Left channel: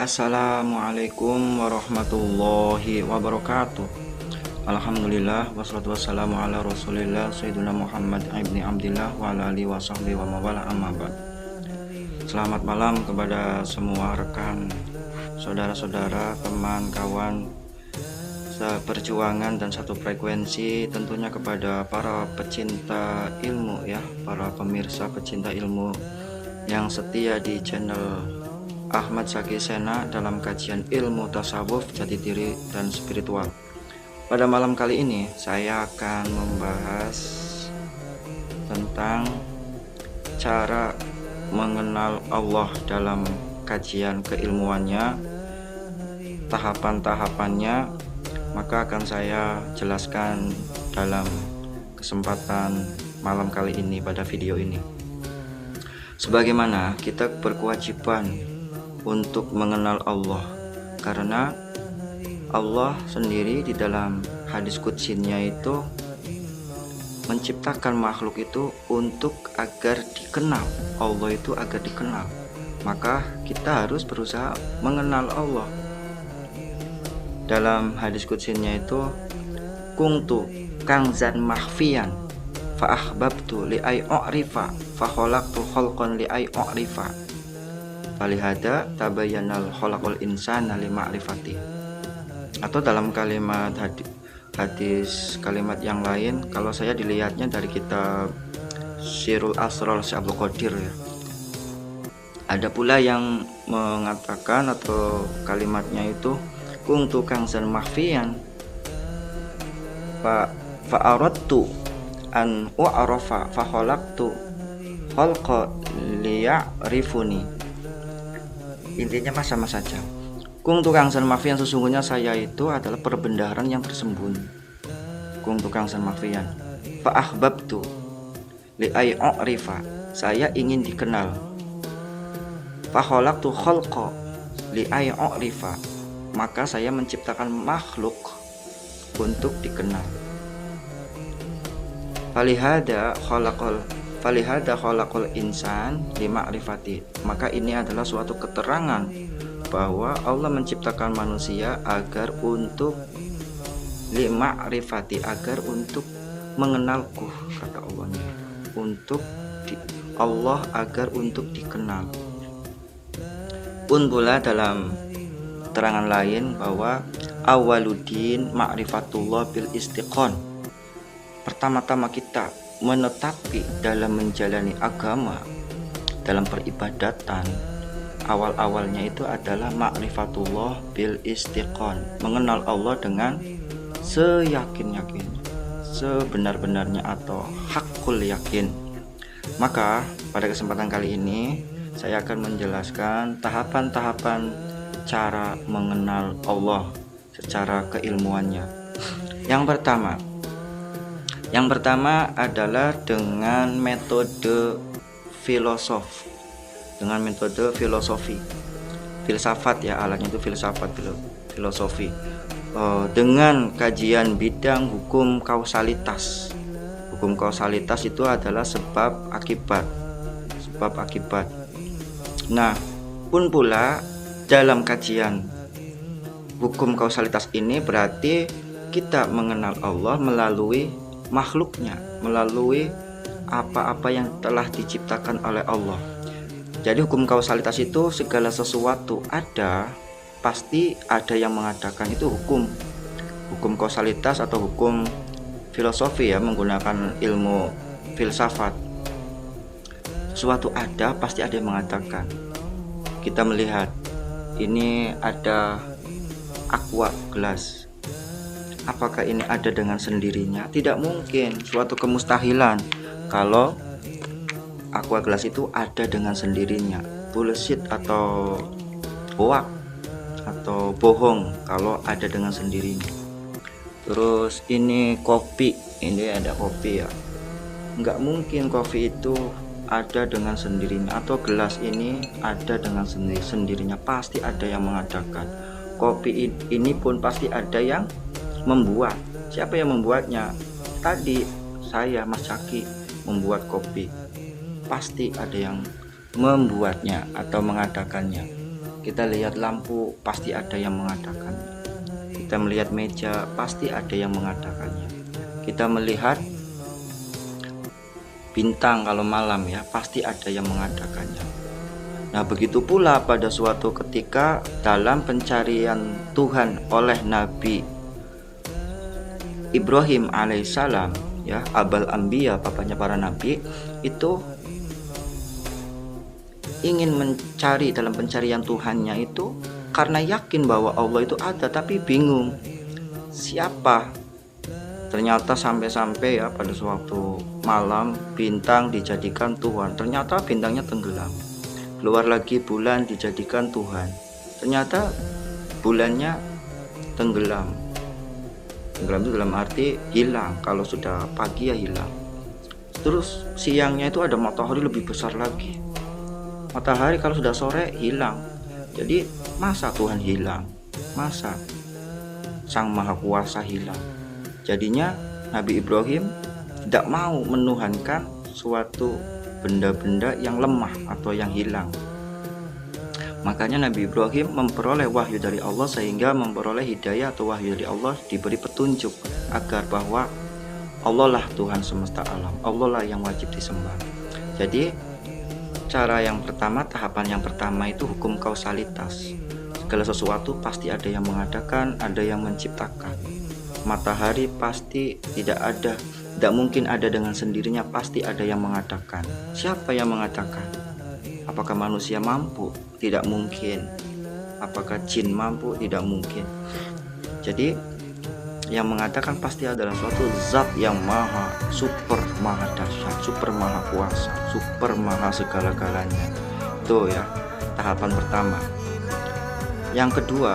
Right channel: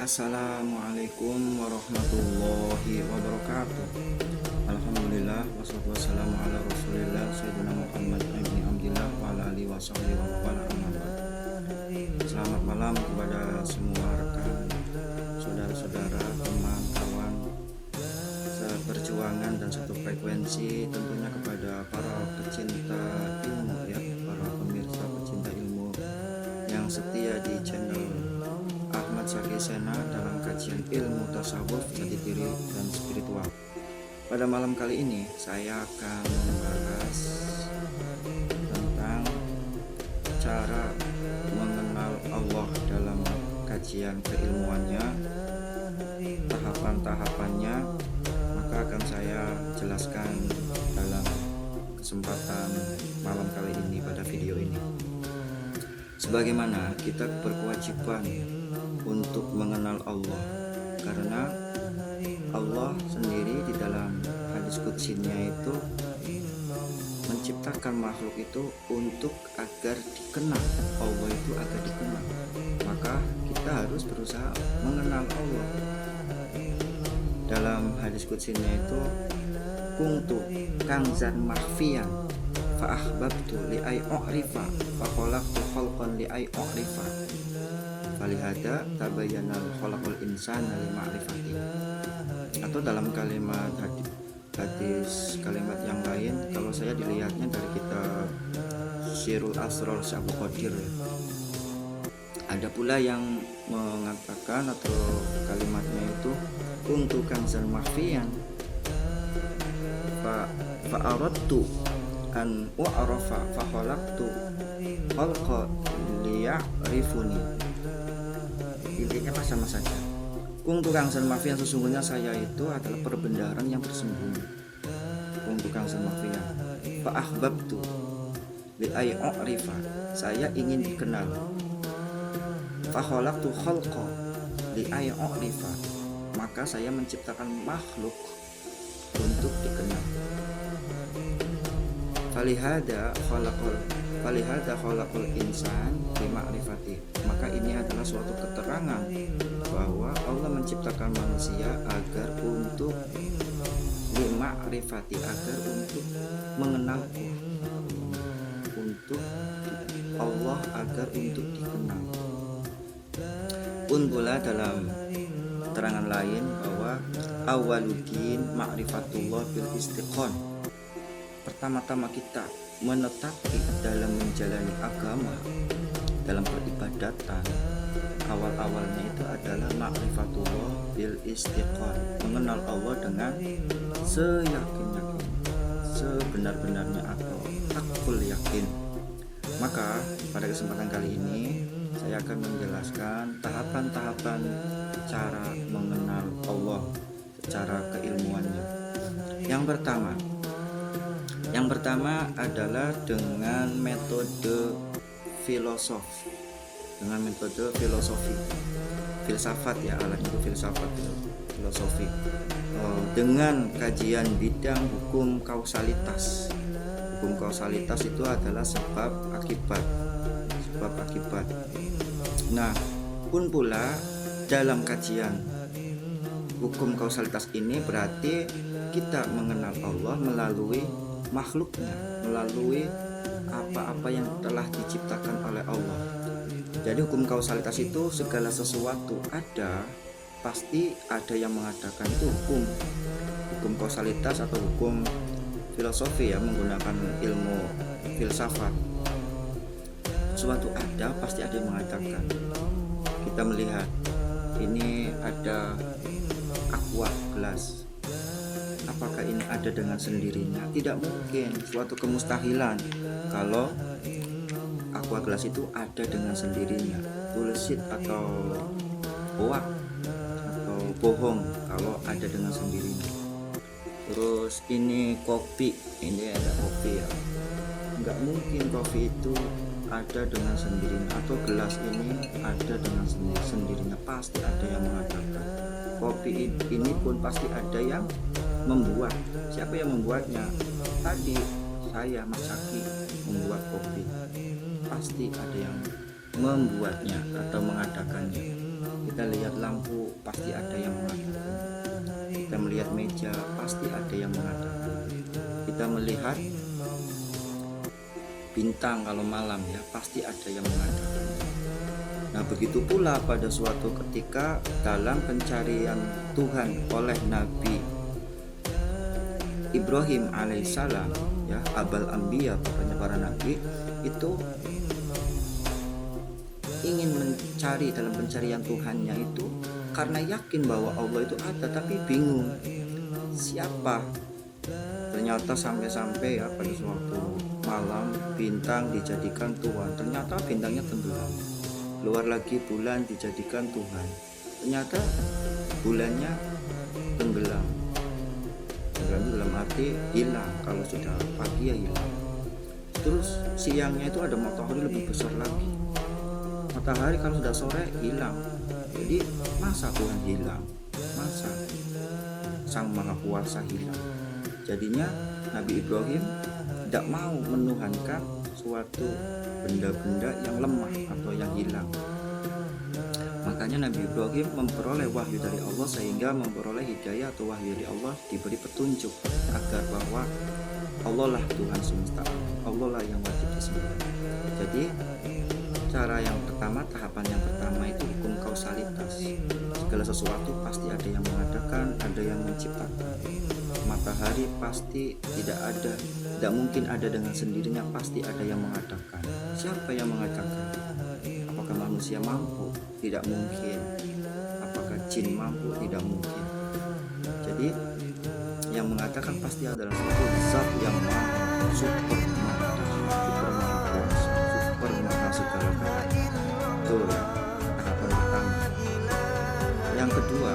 Assalamualaikum warahmatullahi wabarakatuh. Alhamdulillah wassalatu wassalamu ala rasulillah Sayyidina Muhammad ibni Abdillah wa ala alihi wa sahbihi wa mawala amma ba'd. Selamat malam kepada semua rekan, saudara-saudara, teman, kawan seperjuangan dan satu frekuensi, tentunya kepada para pecinta ilmu ya, para pemirsa pecinta ilmu yang setia di channel Ahmad Zaki Sena dalam kajian ilmu tasawuf, jati diri dan spiritual. Pada malam kali ini saya akan membahas tentang cara mengenal Allah dalam kajian keilmuannya, tahapan-tahapannya, maka akan saya jelaskan dalam kesempatan malam kali ini pada video ini. Sebagaimana kita berkewajiban untuk mengenal Allah, karena Allah sendiri di dalam hadis qudsinya itu menciptakan makhluk itu untuk agar dikenal. Allah itu agar dikenal, maka kita harus berusaha mengenal Allah. Dalam hadis qudsinya itu, kuntu kanzan mahfiyan fa ahbabtu li ay u'rifa fa khalaqtu khalqan li ay u'rifa falihada tabayyanal khalaqul insana li ma'rifati. Atau dalam kalimat hadis kalimat yang lain, kalau saya dilihatnya dari kitab Sirul Asrar Syekh Abdul Qadir, ada pula yang mengatakan atau kalimatnya itu kuntu kanzan mahfiyan fa aradtu an u'rafa fa khalaqtu khalqa liya'rifuni. Intinya sama saja. Kung tukang san mafian, sesungguhnya saya itu adalah perbendaharaan yang tersembunyi. Kung tukang san mafian fa ahbabtu li ay u'rifa, saya ingin dikenal. Fa khalaqtu khalqa li ay u'rifa, maka saya menciptakan makhluk untuk dikenal. Falihada khalaqal insan li ma'rifati, maka ini adalah suatu keterangan bahwa Allah menciptakan manusia agar untuk li ma'rifati, agar untuk mengenalku, kata Allah, untuk Allah agar untuk dikenal. Pun pula dalam keterangan lain bahwa awwaluddin ma'rifatullah bil istiqon, pertama-tama kita menetapi dalam menjalani agama, dalam peribadatan, awal-awalnya itu adalah ma'rifatullah bil istiqon, mengenal Allah dengan seyakin-yakin, sebenar-benarnya atau hakul yakin. Maka pada kesempatan kali ini saya akan menjelaskan tahapan-tahapan cara mengenal Allah secara keilmuannya. Yang pertama adalah dengan metode filosofi, filsafat ya, alatnya itu filsafat, filosofi, dengan kajian bidang hukum kausalitas. Hukum kausalitas itu adalah sebab akibat. Nah, pun pula dalam kajian hukum kausalitas ini berarti kita mengenal Allah melalui makhluknya, melalui apa-apa yang telah diciptakan oleh Allah. Jadi hukum kausalitas itu segala sesuatu ada, pasti ada yang mengadakan. Itu hukum kausalitas atau hukum filosofi ya, menggunakan ilmu filsafat. Sesuatu ada, pasti ada yang mengadakan. Kita melihat ini ada aqua gelas, apakah ini ada dengan sendirinya? Tidak mungkin, suatu kemustahilan kalau aqua gelas itu ada dengan sendirinya. Bullshit atau hoax atau bohong kalau ada dengan sendirinya. Terus ini kopi, ini ada kopi ya, nggak mungkin kopi itu ada dengan sendirinya, atau gelas ini ada dengan sendirinya, pasti ada yang mengadakan. Kopi ini pun pasti ada yang membuat. Siapa yang membuatnya? Tadi saya, Mas Zaki, membuat kopi. Pasti ada yang membuatnya atau mengadakannya. Kita lihat lampu, pasti ada yang mengadakan. Kita melihat meja, pasti ada yang mengadakannya. Kita melihat bintang kalau malam ya, pasti ada yang mengadakannya. Nah, begitu pula pada suatu ketika dalam pencarian Tuhan oleh Nabi Ibrahim alaihissalam, ya, abal anbiya, bapaknya para nabi, itu ingin mencari dalam pencarian Tuhannya itu karena yakin bahwa Allah itu ada, tapi bingung siapa. Ternyata sampai-sampai ya pada suatu malam bintang dijadikan Tuhan, ternyata bintangnya tenggelam. Keluar lagi bulan dijadikan Tuhan, ternyata bulannya tenggelam. Tenggelam itu dalam arti hilang, kalau sudah pagi ya hilang. Terus siangnya itu ada matahari lebih besar lagi. Matahari kalau sudah sore hilang. Jadi masa Tuhan hilang? Masa Sang Maha Kuasa hilang? Jadinya Nabi Ibrahim tidak mau menuhankan suatu benda-benda yang lemah atau yang hilang. Makanya Nabi Ibrahim memperoleh wahyu dari Allah, sehingga memperoleh hidayah atau wahyu dari Allah, diberi petunjuk agar bahwa Allah lah Tuhan semesta alam, Allah lah yang wajib disembah. Jadi cara yang pertama, tahapan yang pertama itu hukum kausalitas. Segala sesuatu pasti ada yang mengadakan, ada yang menciptakan. Matahari pasti tidak mungkin ada dengan sendirinya, pasti ada yang mengadakan. Siapa yang mengadakan? Apakah manusia mampu? Tidak mungkin. Apakah jin mampu? Tidak mungkin. Jadi yang mengadakan pasti adalah suatu zat yang maha super, maha dahsyat, super maha kuasa, super maha segala-galanya. Itu ya tahapan pertama. Yang kedua,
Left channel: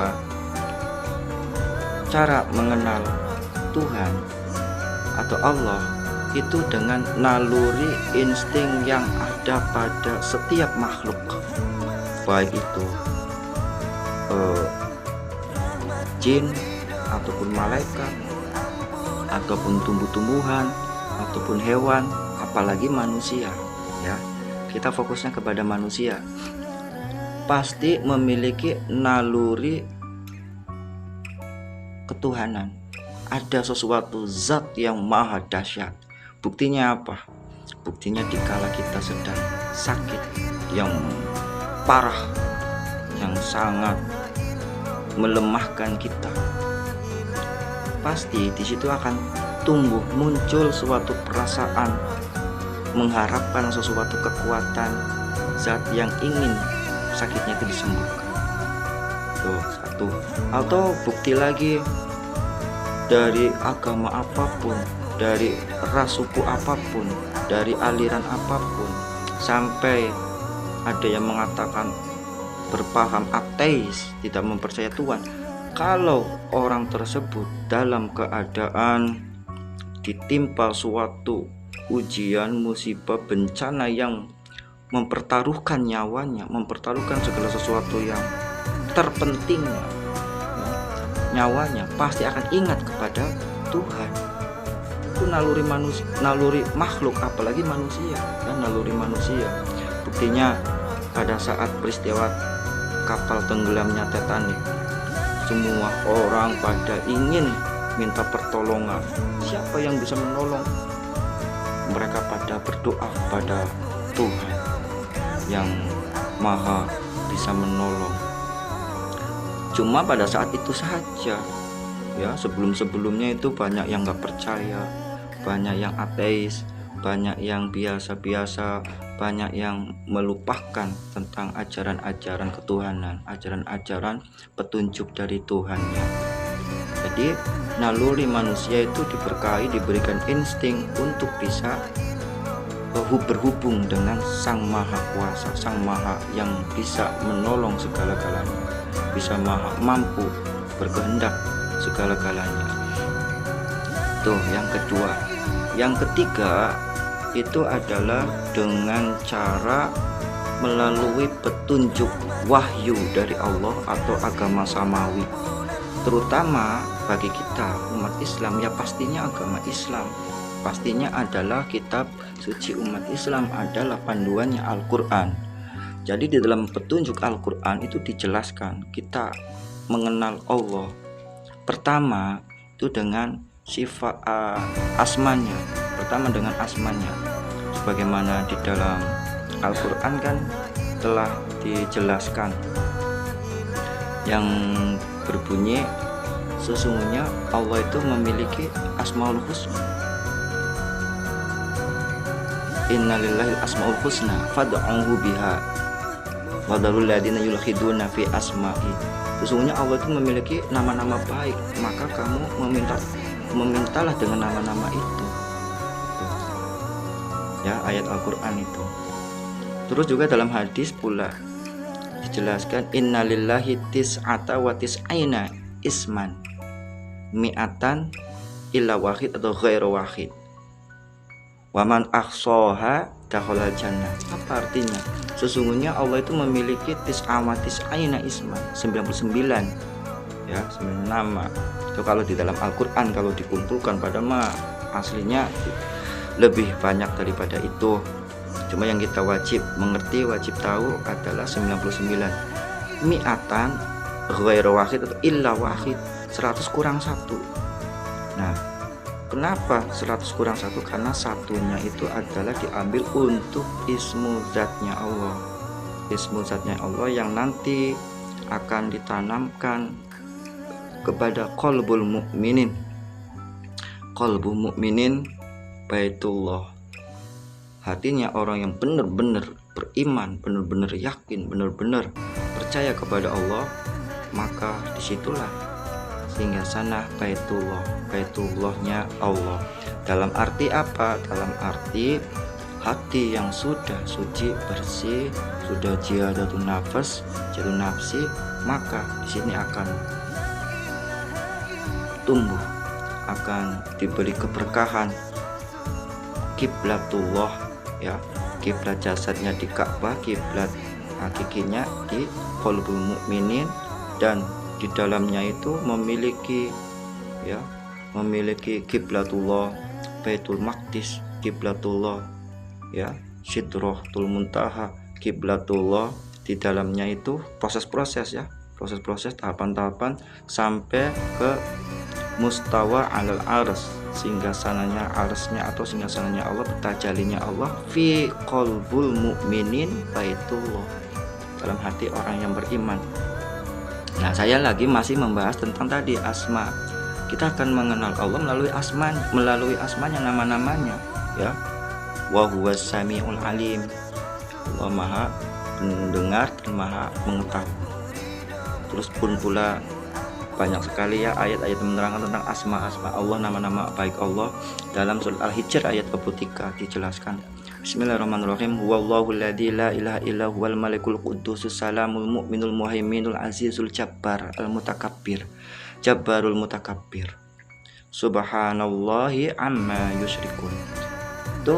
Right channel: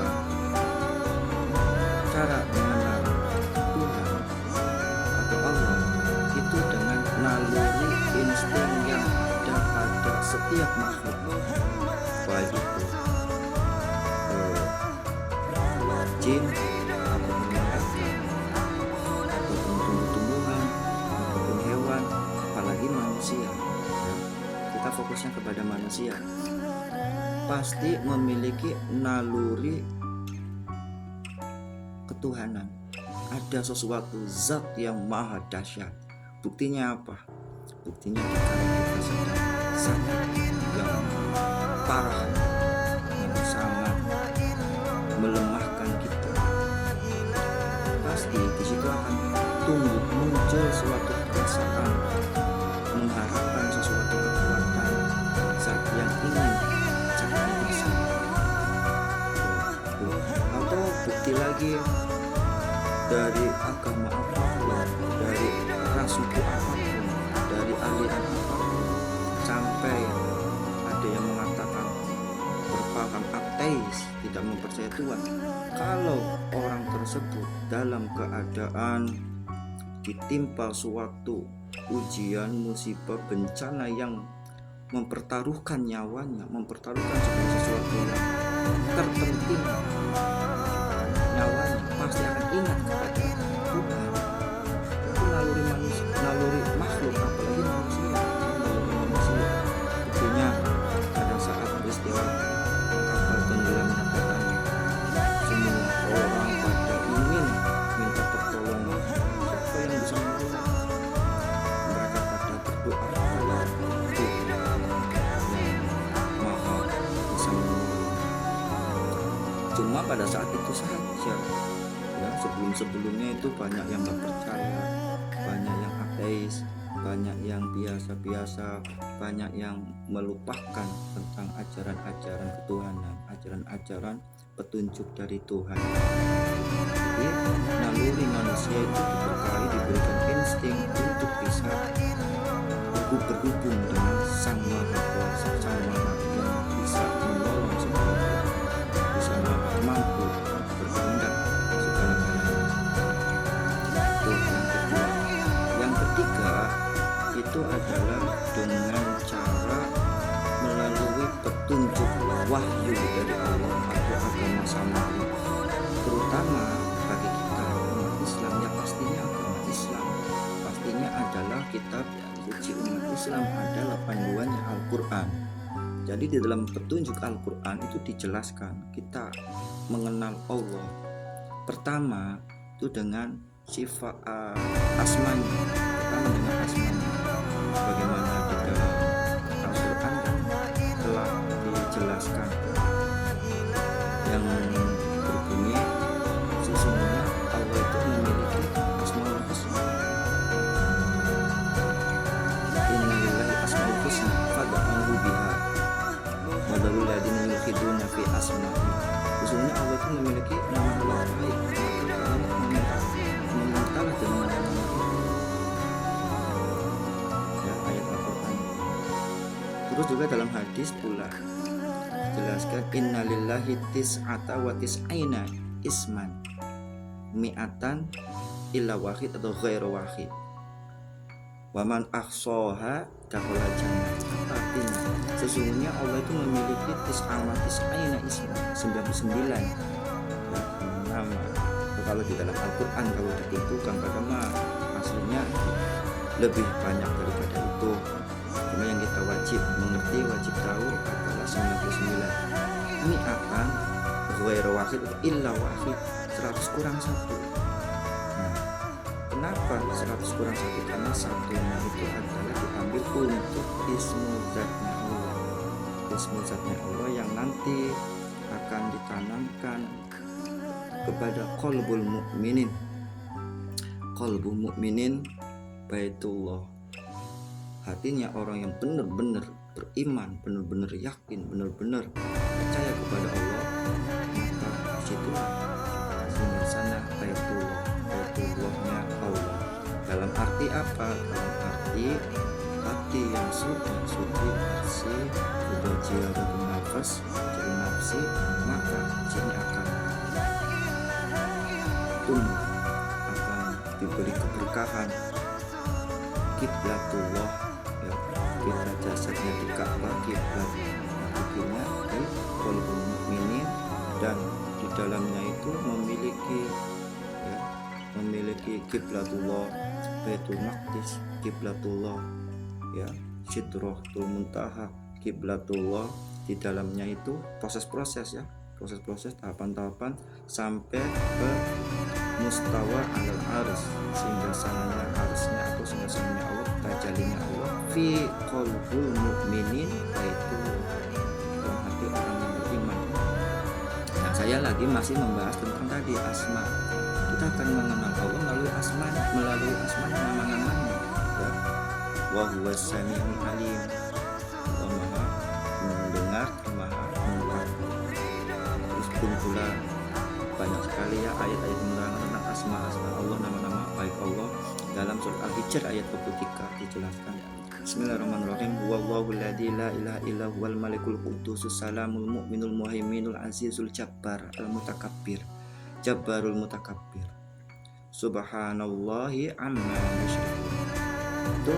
cara mengenal Tuhan atau Allah itu dengan naluri insting yang ada pada setiap makhluk, baik itu jin ataupun malaikat ataupun tumbuh-tumbuhan ataupun hewan, apalagi manusia ya. Kita fokusnya kepada manusia, pasti memiliki naluri ketuhanan. Ada sesuatu zat yang maha dahsyat. Buktinya apa? Buktinya dikala kita sedang sakit yang parah, yang sangat melemahkan kita, pasti di situ akan tumbuh muncul suatu perasaan mengharapkan sesuatu kekuatan zat yang ingin sakitnya itu disembuhkan. Tuh, satu. Atau bukti lagi, dari agama apapun, dari ras suku apapun, dari aliran apapun, sampai ada yang mengatakan berpaham ateis, tidak mempercayai Tuhan. Kalau orang tersebut dalam keadaan ditimpa suatu ujian, musibah, bencana yang mempertaruhkan nyawanya, mempertaruhkan segala sesuatu yang terpenting nyawanya, pasti akan ingat kepada Tuhan. Itu naluri manusia, naluri makhluk, apalagi manusia, ya, naluri manusia. Buktinya pada saat peristiwa kapal tenggelamnya Titanic, semua orang pada ingin minta pertolongan. Siapa yang bisa menolong? Mereka pada berdoa pada Tuhan yang maha bisa menolong. Cuma pada saat itu saja ya, sebelumnya itu banyak yang gak percaya, banyak yang ateis, banyak yang biasa-biasa, banyak yang melupakan tentang ajaran-ajaran ketuhanan, ajaran-ajaran petunjuk dari Tuhan. Jadi naluri manusia itu diberkahi, diberikan insting untuk bisa berhubung dengan Sang Maha Kuasa, Sang Maha yang bisa menolong segala-galanya, bisa mampu berkehendak segala-galanya. Tuh yang kedua. Yang ketiga itu adalah dengan cara melalui petunjuk wahyu dari Allah atau agama samawi, terutama bagi kita umat Islam ya, pastinya agama Islam, pastinya adalah kitab suci umat Islam adalah panduannya Al-Quran. Jadi di dalam petunjuk Al-Quran itu dijelaskan kita mengenal Allah pertama itu dengan sifat asmanya. Pertama dengan asmanya, sebagaimana di dalam Al-Quran kan telah dijelaskan yang berbunyi sesungguhnya Allah itu memiliki asmaul husna. Innalillahi asmaul husna fad'uhu biha wa dharul ladina yulhiduna fi asma'i. Sesungguhnya Allah itu memiliki nama-nama baik, maka kamu memintalah dengan nama-nama itu. Ya, ayat Al-Quran itu. Terus juga dalam hadis pula dijelaskan innalillahi tis'ata wa tis'aina isman mi'atan illa wahid atau ghairu wahid waman ahsaha dakhala jannah. Apa artinya? Sesungguhnya Allah itu memiliki tis'aina isman, 99 ya, 9 nama. Itu kalau di dalam Al-Quran, kalau dikumpulkan pada aslinya lebih banyak daripada itu. Cuma yang kita wajib mengerti, wajib tahu adalah 99. Mi'atan ghairu wahid atau illa wahid, 100 kurang 1. Nah, kenapa 100 kurang 1? Karena satunya itu adalah diambil untuk ismu zatnya Allah. Ismu zatnya Allah yang nanti akan ditanamkan kepada qalbul mukminin. Qalbul mukminin baitullah. Hatinya orang yang benar-benar beriman, benar-benar yakin, benar-benar percaya kepada Allah, maka disitulah sehingga sana baitullahnya Allah. Dalam arti apa? Dalam arti hati yang sudah suci, bersih, sudah jihadatun nafas, jihadun nafsi, maka di sini akan tumbuh, akan diberi keberkahan. Kiblatullah ya, kiblat jasadnya di Ka'bah, kiblat hakikinya di qalbul mukminin, dan di dalamnya itu memiliki kiblatullah Baitul Maqdis, kiblatullah ya Sidratul Muntaha, kiblatullah. Di dalamnya itu proses-proses ya, proses-proses tahapan-tahapan sampai ke mustawa alal ars, sehingga sananya arsnya atau sehingga sananya Allah, tajalinya Allah fi qalbul mukminin baitullah, dalam hati orang yang beriman. Nah, saya lagi masih membahas tentang tadi asma. Kita akan mengenal Allah melalui asmanya, nama-namanya ya. Wa huwas samiul alim. Allah Maha mendengar dan Maha mengetahui. Terus pun pula banyak sekali ya ayat-ayat menerangkan tentang asma-asma Allah, nama-nama baik Allah. Dalam surat Al-Hijr ayat ke-3 dijelaskan, Bismillahirrahmanirrahim. Huwallahu alladzi la ilaha illa huwal malikul quddusus salamul mu'minul muhaiminul azizul jabbar al-mutakabbir jabbarul mutakabbir subhanallahi amma yusyrikun. Itu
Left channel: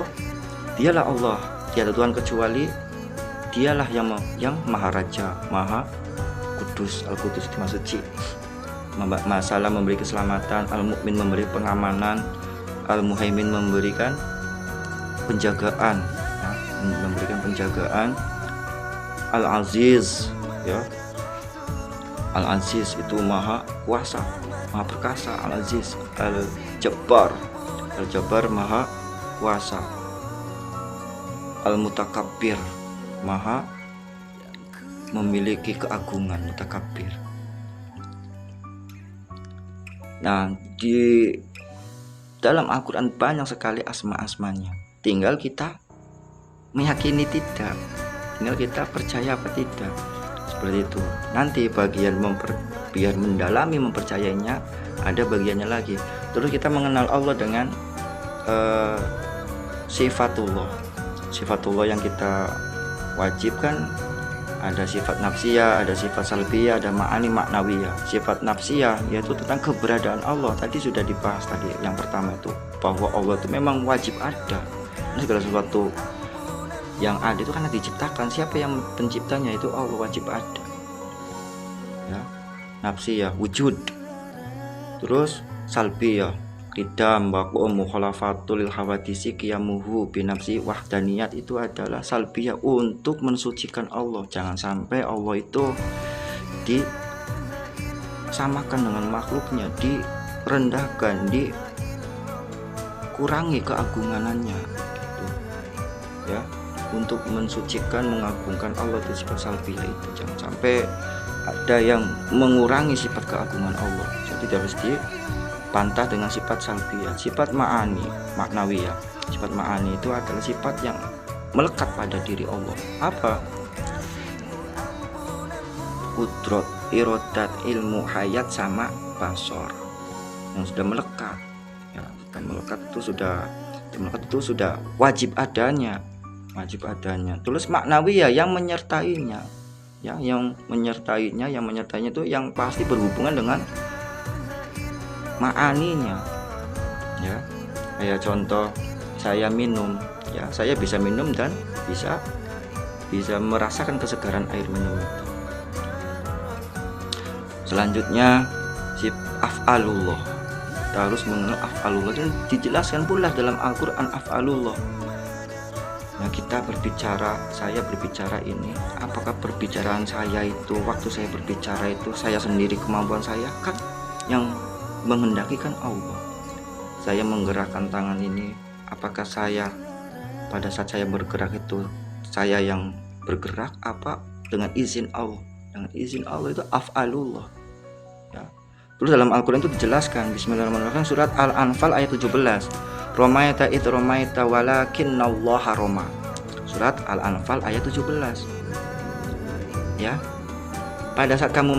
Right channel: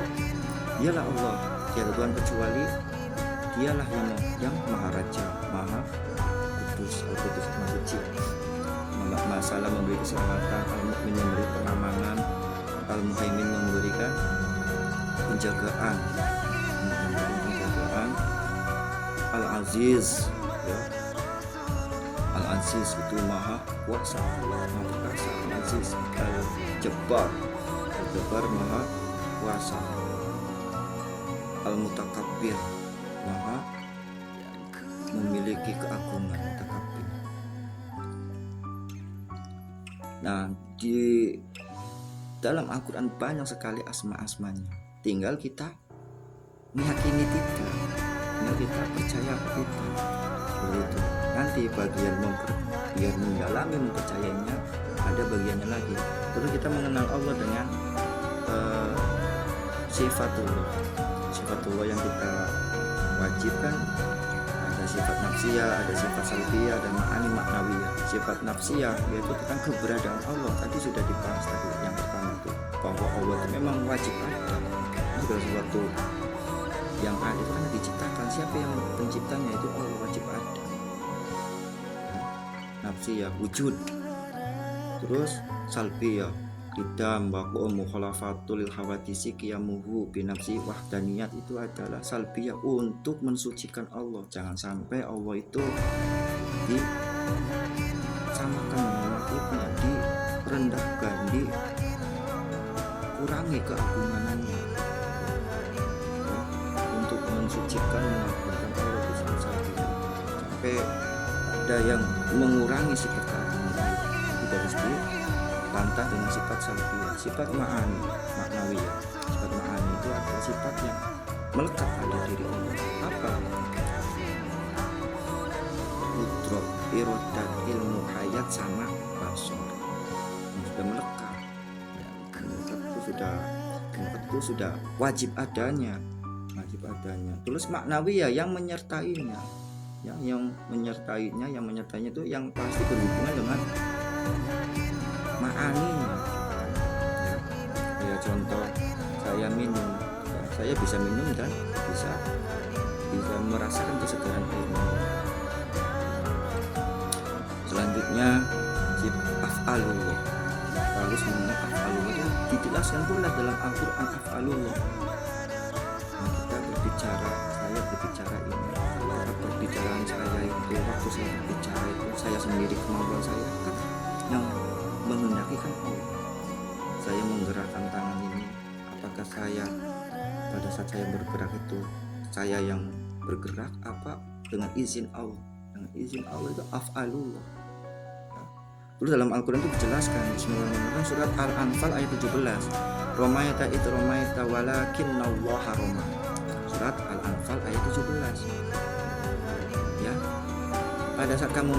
dialah Allah, tiada Tuhan kecuali dialah yang maha raja, maha kudus. Al-Qudus itu maha suci. Masalah memberi keselamatan, al-mu'min memberi pengamanan, al-muhaimin memberikan penjagaan, al-aziz ya, al-aziz itu maha kuasa, maha perkasa, al-aziz, al-jabbar maha kuasa, al-mutakabbir maha memiliki keagungan, mutakabbir. Nah, di dalam Al-Quran banyak sekali asma-asmanya. Tinggal kita meyakini tidak, tinggal kita percaya apa tidak. Seperti itu. Nanti bagian biar mendalami mempercayainya, ada bagiannya lagi. Terus kita mengenal Allah dengan sifatullah yang kita wajibkan. Ada sifat nafsiyah, ada sifat salbiyah, ada ma'ani maknawiyah. Sifat nafsiyah yaitu tentang keberadaan Allah. Tadi sudah dibahas tadi yang pertama tuh, bahwa Allah itu memang wajib ada. Segala sesuatu yang ada itu karena diciptakan. Siapa yang penciptanya? Itu Allah, wajib ada ya. Nafsiyah, wujud. Terus salbiyah, ridam wa mukhalafatul hawadisi qiyamuhu binafsi wahdaniyat itu adalah salbiyah untuk mensucikan Allah. Jangan sampai Allah itu disamakan dengan makhluknya, direndahkan, dikurangi keagungannya, ya, untuk mensucikan, mengagungkan Allah itu sifat salbiyah itu. Jangan sampai ada yang mengurangi sifat keagungan Allah. Jadi harus dibantah dengan sifat salbiyah. Sifat ma'ani, maknawiyah. Sifat ma'ani itu adalah sifat yang melekat pada diri Allah. Apa? Qudrat, irodat, ilmu, hayat, sama basor. Yang sudah melekat. Ya, kan melekat itu sudah wajib adanya. Terus maknawiyah yang menyertainya. Ya, yang menyertainya itu yang pasti berhubungan dengan ma'aninya, ya. Kayak contoh saya minum, ya, saya bisa minum dan bisa merasakan kesegaran air minum. Selanjutnya af'alullah. Kita harus mengenal af'alullah, itu dijelaskan pula dalam Al-Quran af'alullah. Nah, saya berbicara ini, apakah perbicaraan saya itu, waktu saya berbicara itu saya sendiri, kemampuan saya kan yang menghendaki kan Allah. Saya menggerakkan tangan ini, apakah saya pada saat saya bergerak itu saya yang bergerak, apa dengan izin Allah? Dengan izin Allah itu af'alullah, ya. Terus dalam Al-Quran itu dijelaskan, bismillahirrahmanirrahim, surat Al-Anfal ayat 17, Romaita itu romaita walakinnallaha roma. Surat Al-Anfal ayat 17. Ya. Pada saat kamu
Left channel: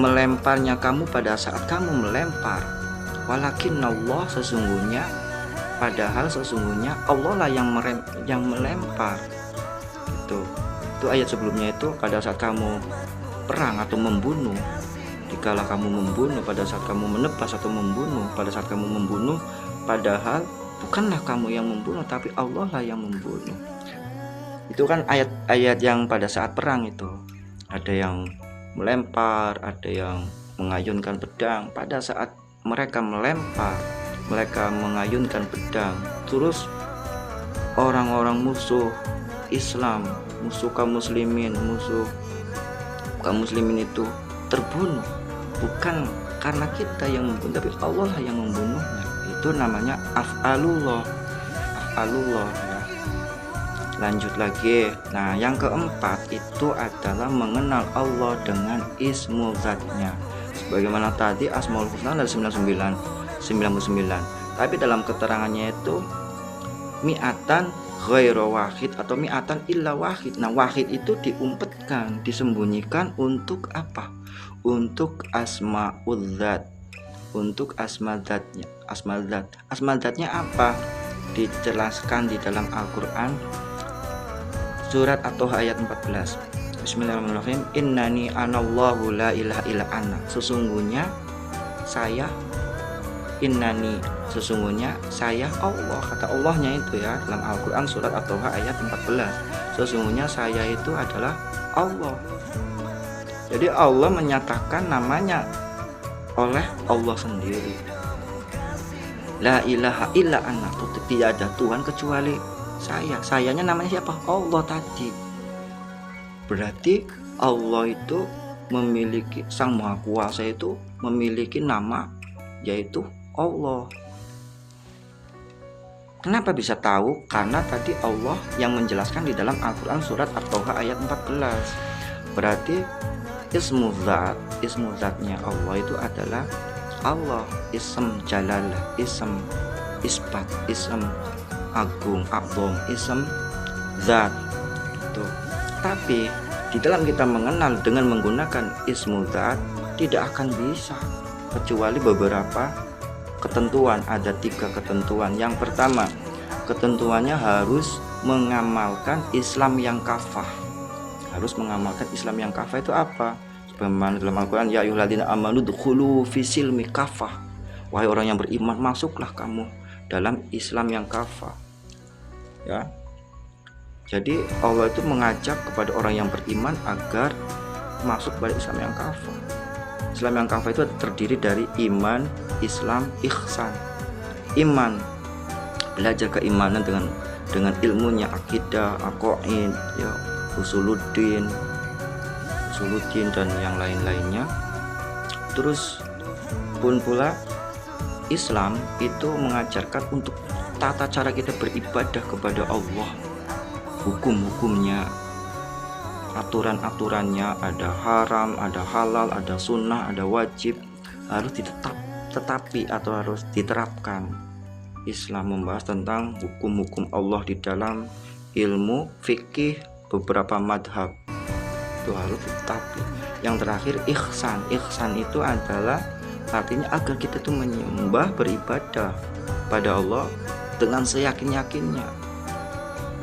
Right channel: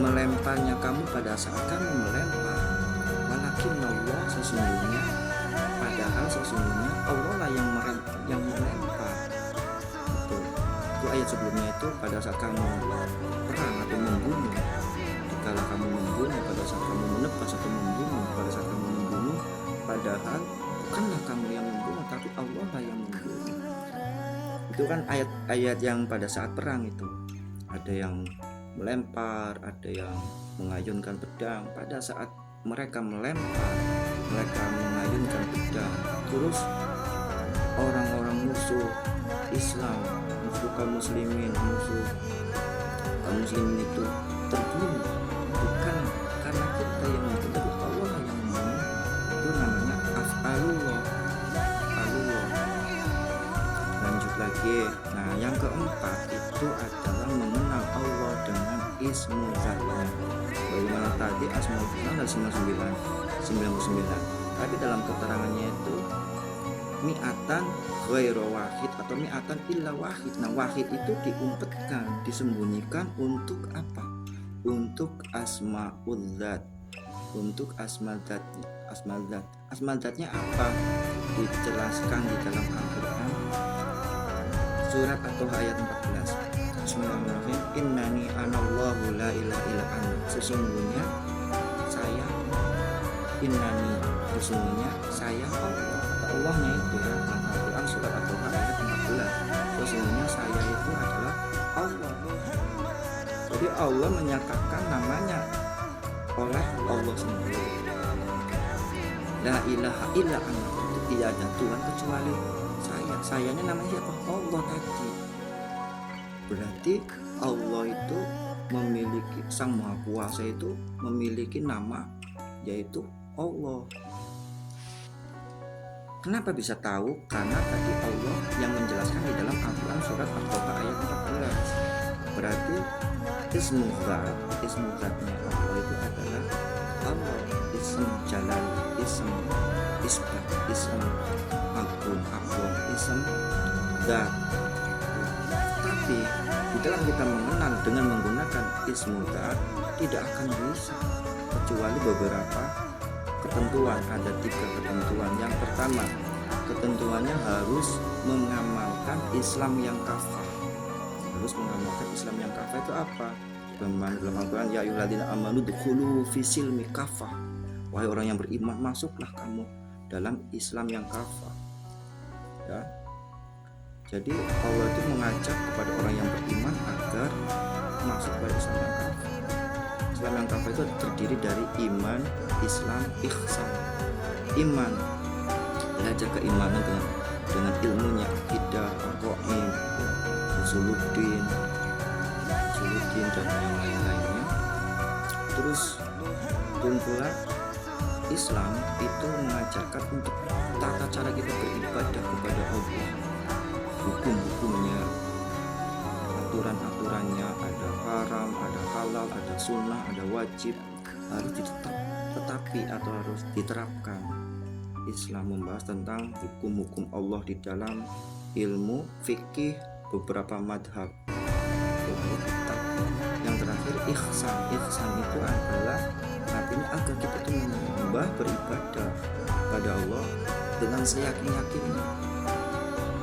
melemparnya, pada saat kamu melempar, walakinnallah, sesungguhnya, padahal sesungguhnya Allah lah yang melempar. Itu ayat sebelumnya itu pada saat kamu perang atau membunuh. Dikala kamu membunuh, pada saat kamu menebas atau membunuh, pada saat kamu membunuh, padahal bukanlah kamu yang membunuh, tapi Allah lah yang membunuh. Itu kan ayat-ayat yang pada saat perang itu ada yang melempar, ada yang mengayunkan pedang. Pada saat mereka melempar, mereka mengayunkan pedang, terus orang-orang musuh Islam, musuh kaum muslimin itu terbunuh, bukan karena kita yang membunuh, tapi Allah lah yang membunuh. Itu namanya af'alullah. Lanjut lagi. Nah, yang keempat itu adalah mengenal Allah dengan ismu zatnya. Bagaimana tadi Asmaul Husna ada 99, tapi dalam keterangannya itu mi'atan ghairu wahid atau mi'atan illa wahid. Nah, wahid itu diumpetkan, disembunyikan untuk apa? Untuk asmaul zat, untuk asma zatnya apa? Dijelaskan di dalam Al-Quran surat atau ayat 14. Bismillahirrahmanirrahim. Innani anallahu la ilaha illa ana. Sesungguhnya saya Allah, kata Allahnya itu ya dalam Al-Quran surat atau ayat 14. Sesungguhnya saya itu adalah Allah. Jadi Allah menyatakan namanya oleh Allah sendiri. La ilaha illa ana. Tidak ada Tuhan kecuali sayanya namanya siapa? Allah tadi. Berarti Allah itu memiliki, Sang Maha Kuasa itu memiliki nama, yaitu Allah. Kenapa bisa tahu? Karena tadi Allah yang menjelaskan di dalam Al-Quran surat At-Taha ayat 14. Berarti ismu zatnya Allah itu adalah Allah, ism jalal, ism isbat, ism agung, ism zat itu. Tapi di dalam kita mengenal dengan menggunakan ismu zat tidak akan bisa, kecuali beberapa ketentuan. Ada 3 ketentuan. Yang pertama, ketentuannya harus mengamalkan Islam yang kafah. Harus mengamalkan Islam yang kafah itu apa? Dalam Al-Quran, ya ayyuhalladzina amanu dkhulu fi silmi kafah. Wahai orang yang beriman, masuklah kamu dalam Islam yang kafah. Ya. Jadi Allah itu mengajak kepada orang yang beriman agar masuk pada Islam yang kafah. Islam yang kafah itu terdiri dari iman, Islam, ihsan. Iman, belajar keimanan dengan ilmunya, akidah, aqaid, ya, usuluddin dan yang lain-lainnya. Terus pun pula Islam itu mengajarkan untuk tata cara kita beribadah kepada Allah, hukum-hukumnya, aturan-aturannya, ada haram, ada halal, ada sunnah, ada wajib, harus harus diterapkan. Islam membahas tentang hukum-hukum Allah di dalam ilmu fikih beberapa madhab, itu harus diterapkan. Yang terakhir ihsan itu adalah artinya agar kita itu menyembah, beribadah pada Allah dengan seyakin-yakinnya,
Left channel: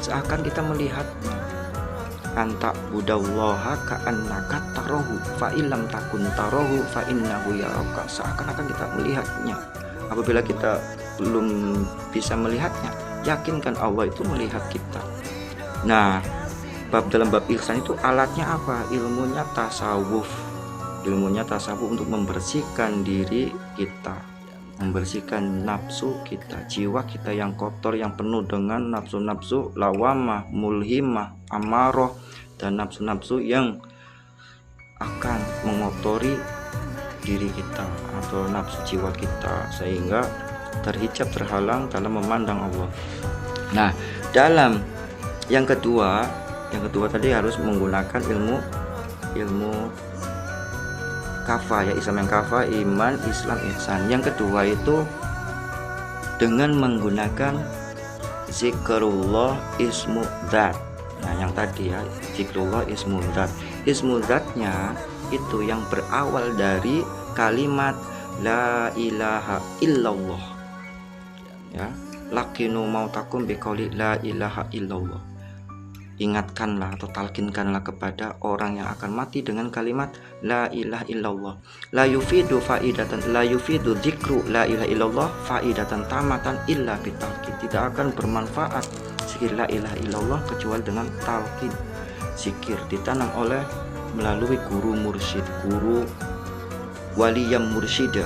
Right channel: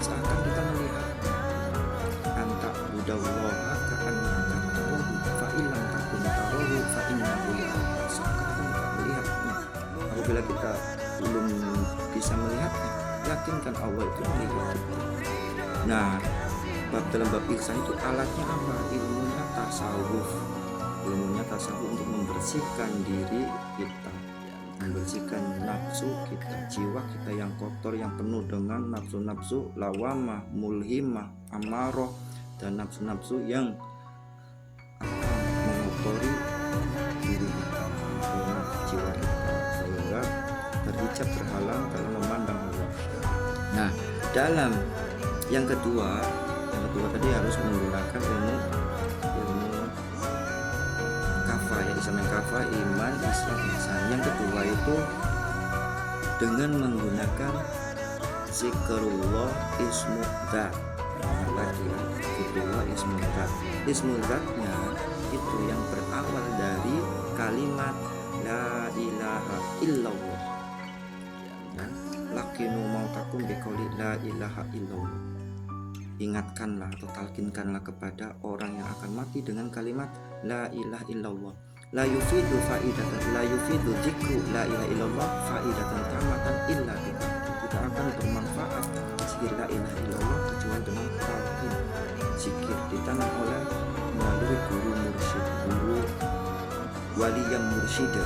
seakan kita melihatnya. Anta budallaha ka'annaka tarahu fa illam takun tarahu fa innahu yaraka, seakan-akan kita melihatnya. Apabila kita belum bisa melihatnya, yakinkan Allah itu melihat kita. Nah, dalam bab ihsan itu alatnya apa? Ilmunya tasawuf untuk membersihkan diri kita, membersihkan nafsu kita, jiwa kita yang kotor, yang penuh dengan nafsu-nafsu lawamah, mulhimah, amarah, dan nafsu-nafsu yang akan mengotori diri kita atau nafsu jiwa kita, sehingga terhijab, terhalang dalam memandang Allah. Nah, dalam yang kedua tadi harus menggunakan ilmu kafah, ya, Islam yang kafah, iman, Islam, ihsan. Yang kedua itu dengan menggunakan zikrullah ismu dzat. Nah, yang tadi ya, zikrullah ismu dzat. Ismu dzatnya itu yang berawal dari kalimat la ilaha illallah. Ya, lakinu mautakum biqauli la ilaha illallah. Ingatkanlah atau talkinkanlah kepada orang yang akan mati dengan kalimat la ilaha illallah. La yufidu dzikru la ilaha illallah faidatan tamatan illa bitalqin. Tidak akan bermanfaat zikir la ilaha illallah kecuali dengan talqin. Zikir ditanam melalui guru mursyid, guru wali yang mursyida,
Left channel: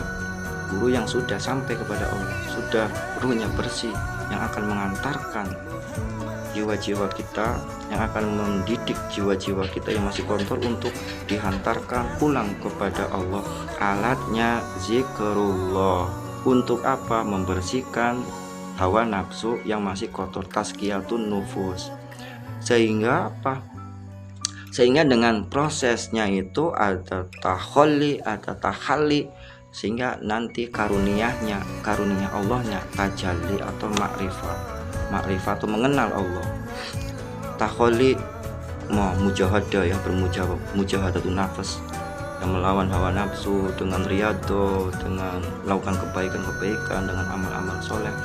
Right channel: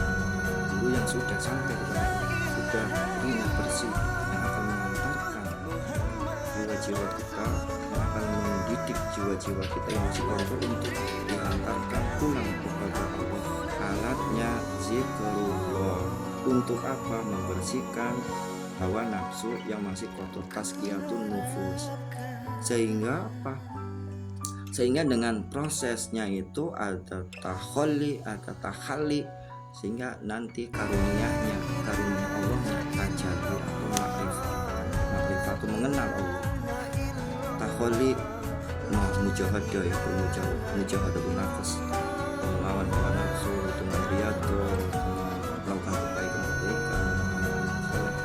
guru yang sudah sampai kepada Allah, sudah ruhnya bersih, yang akan mengantarkan jiwa-jiwa kita, yang akan mendidik jiwa-jiwa kita yang masih kotor untuk dihantarkan pulang kepada Allah. Alatnya zikrullah. Untuk apa? Membersihkan hawa nafsu yang masih kotor, tazkiyatun nufus. Sehingga apa? Sehingga dengan prosesnya itu ada takhalli, ada tahalli, sehingga nanti karunia Allahnya tajalli atau makrifat atau mengenal Allah. Takholi mujahadah, ya, mujahadatun nafas, yang melawan hawa nafsu dengan riyadho, dengan melakukan kebaikan, dengan amal-amal soleh,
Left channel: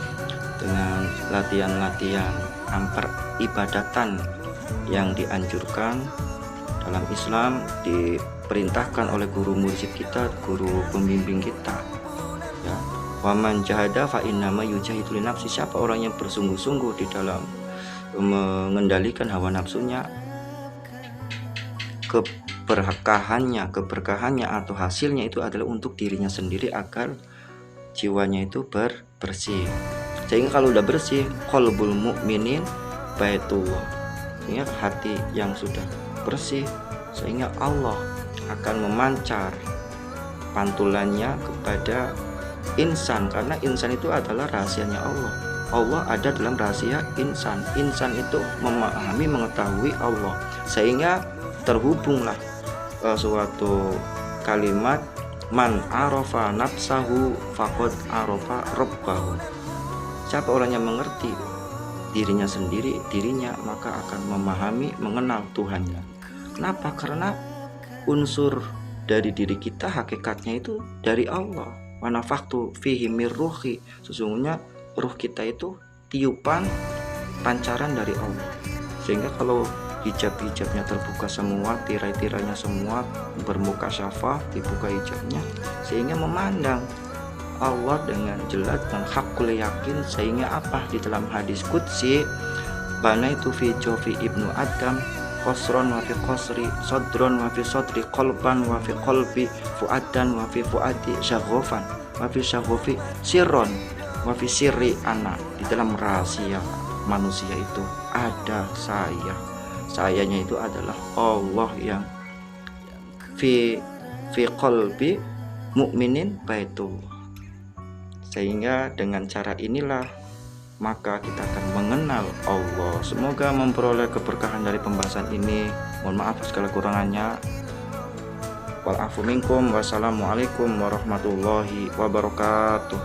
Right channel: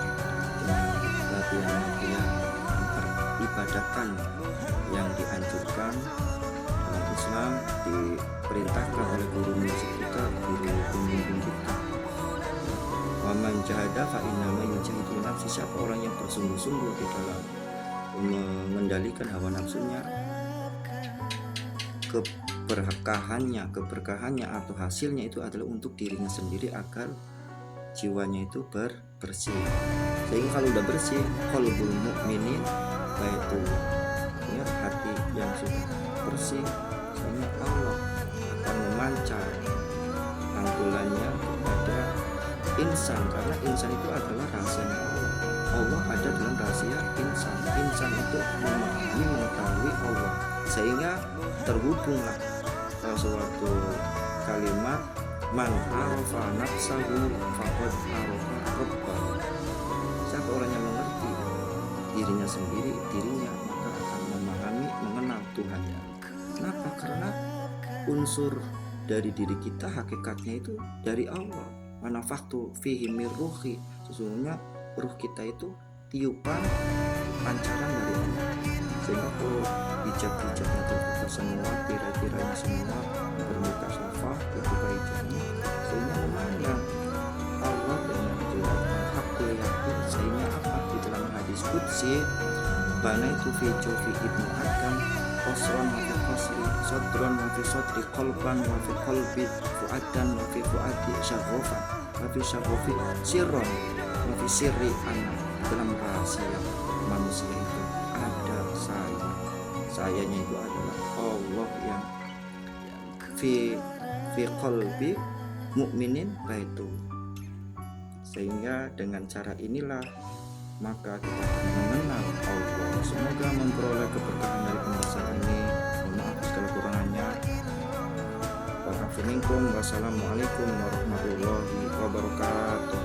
dengan latihan peribadatan yang dianjurkan dalam Islam, diperintahkan oleh guru mursyid kita, guru pembimbing kita. Waman jahada fa innama yujahidu li nafsi. Siapa orang yang bersungguh-sungguh di dalam mengendalikan hawa nafsunya, keberkahannya atau hasilnya itu adalah untuk dirinya sendiri, agar jiwanya itu bersih. Sehingga kalau udah bersih, qalbul mukminin baitullah, ya, hati yang sudah bersih, sehingga Allah akan memancar pantulannya kepada insan, karena insan itu adalah rahasianya Allah. Allah ada dalam rahasia insan. Insan itu memahami, mengetahui Allah, sehingga terhubunglah ke suatu kalimat man arafa nafsahu faqad arafa rabbahu. Siapa orang yang mengerti dirinya sendiri, maka akan memahami, mengenal Tuhannya. Kenapa? Karena unsur dari diri kita hakikatnya itu dari Allah. Wa nafakhtu fihi mir ruhi. Sesungguhnya ruh kita itu tiupan, pancaran dari Allah. Sehingga kalau hijab-hijabnya terbuka semua, tirai-tirainya semua bermuka syafah, dibuka hijabnya, sehingga memandang Allah dengan jelas dan hakul yakin. Sehingga apa? Di dalam hadis qudsi, bana itu fi jofi ibnu Adam qasron wa fi qasri, sadron wa fi sadri, qalban wa fi qalbi, fuadan wa fi fuadi, syaghofan wa fi syaghofi, sirron wa fi sirri ana. Di dalam rahasia manusia itu ada saya. Sayanya itu adalah Allah yang fi qalbi mukminin baitullah. Sehingga dengan cara inilah maka kita akan mengenal Allah. Semoga memperoleh keberkahan dari pembahasan ini. Mohon maaf segala kurangannya. Wal afu minkum. Wassalamualaikum warahmatullahi wabarakatuh.